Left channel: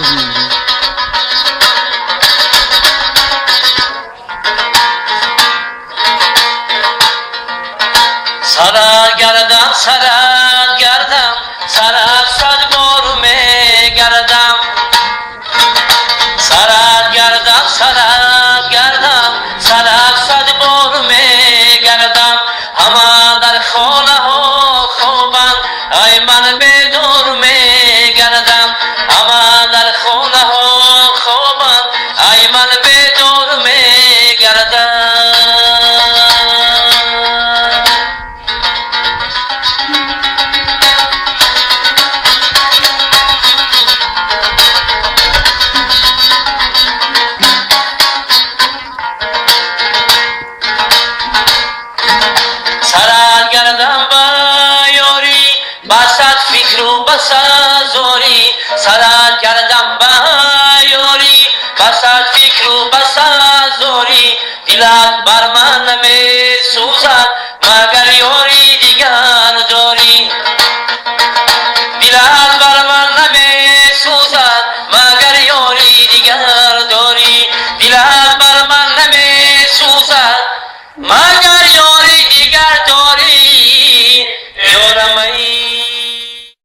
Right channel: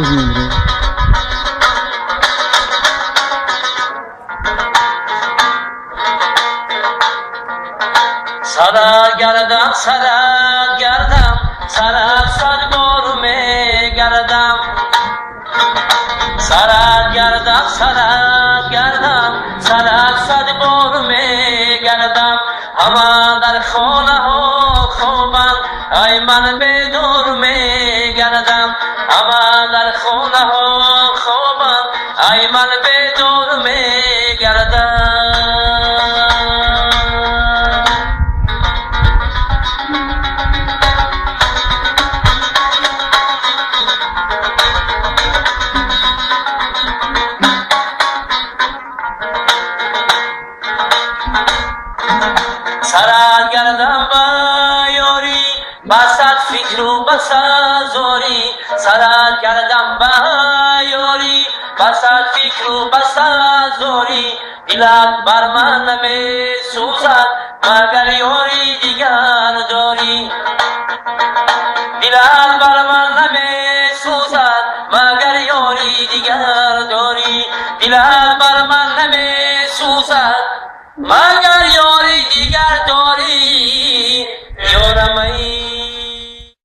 روز میمیره. سرت گردم سرت گردم سرت صد بار میگردم سرت گردم سرت گردم سرت صد بار میگردم همه در خانه ها خوابند ای من بدور میگردم همه در خانه ها خوابند ای من بدور میگردم سرت گردم و یاری بسد فکر و بسد زاری سرت گردم و یاری بسد فکر و بسد زاری دلت بر من نمی سوزد